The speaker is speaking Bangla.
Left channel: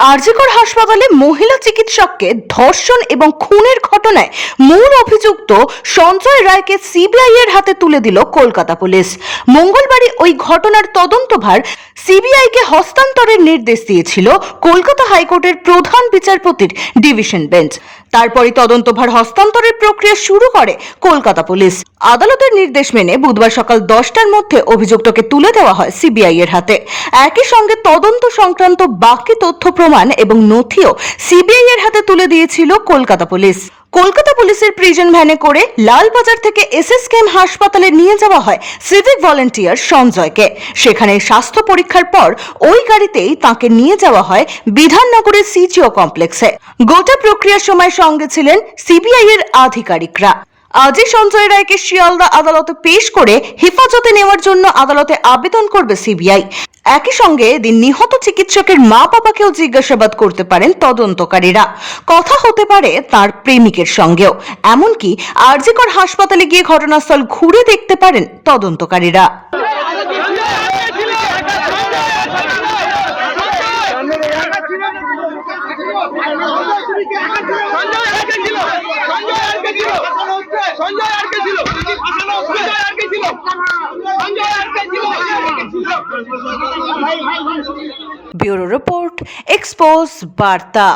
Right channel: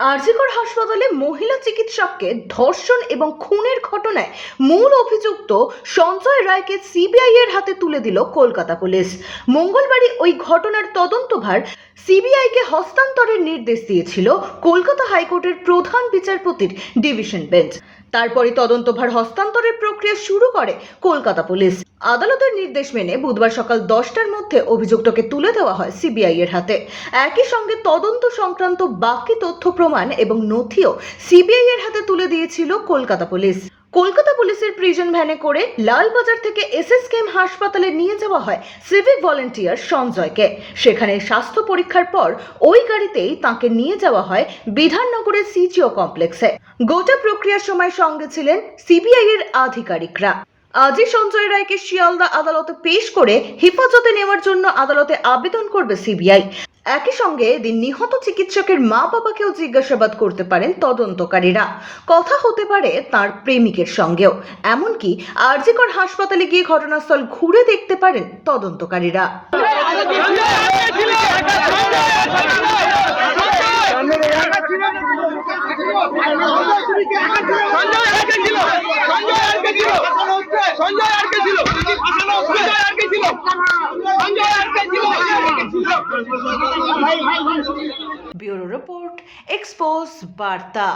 আরজিকর হাসপাতালে মহিলা চিকিৎসককে ধর্ষণ এবং খুনের ঘটনায় মূল অভিযুক্ত সঞ্জয় রায়কে সিবিআই এর হাতে তুলে দিল কলকাতা পুলিশ। মঙ্গলবারই ওই ঘটনার তদন্তভার সিবিআই কে হস্তান্তরের নির্দেশ দিয়েছিল কলকাতা হাইকোর্টের প্রধান বিচারপতির ডিভিশন বেঞ্চ। তারপরে তদন্তভার হস্তান্তরের প্রক্রিয়া শুরু করে কলকাতা পুলিশ। আদালতের নির্দেশ মেনে বুধবার সকাল দশটার মধ্যে অভিযুক্তকে তুলে দেওয়া হয় সিবিআই এর হাতে। একই সঙ্গে তদন্ত সংক্রান্ত বাকি তথ্য প্রমাণ এবং নথিও সিবিআই এর হাতে তুলে দিয়েছিল কলকাতা পুলিশ। কলকাতা পুলিশের প্রিজন ভ্যানে করে লালবাজার থেকে এসএসকেএম হাসপাতালে নিয়ে যাওয়া হয় সিভিক ভলেন্টিয়ার সঞ্জয়কে। সেখানে স্বাস্থ্য পরীক্ষার পর ওই গাড়িতেই তাকে নিয়ে যাওয়া হয় বিধাননগরের সিজিও কমপ্লেক্সে। গোটা প্রক্রিয়ার সময় সঙ্গে ছিলেন সিবিআই এর আধিকারিকরা। আজই সঞ্জয় রায়কে শিয়ালদা আদালতে পেশ করে হেফাজতে নেওয়ার জন্য আদালতে আবেদন করবে সিবিআই। একই সঙ্গে এদিন নিহত চিকিৎসকের মা বাবাকেও জিজ্ঞাসাবাদ করতে পারেন তদন্তকারীরা। কথা হতে পারে তার প্রেমিকের সঙ্গেও। এমনকি আরজিকর হাসপাতালে গিয়ে ঘটনাস্থল ঘুরে দেখতে পারেন তদন্তকারীরা। সঞ্জয় সঞ্জয় আটকে ছিল? সঞ্জয় সঞ্জয় আটকে ছিল? সঞ্জয় আটকে ছিল? ब्यूरो रिपोर्ट एक्सपोज वार्ता।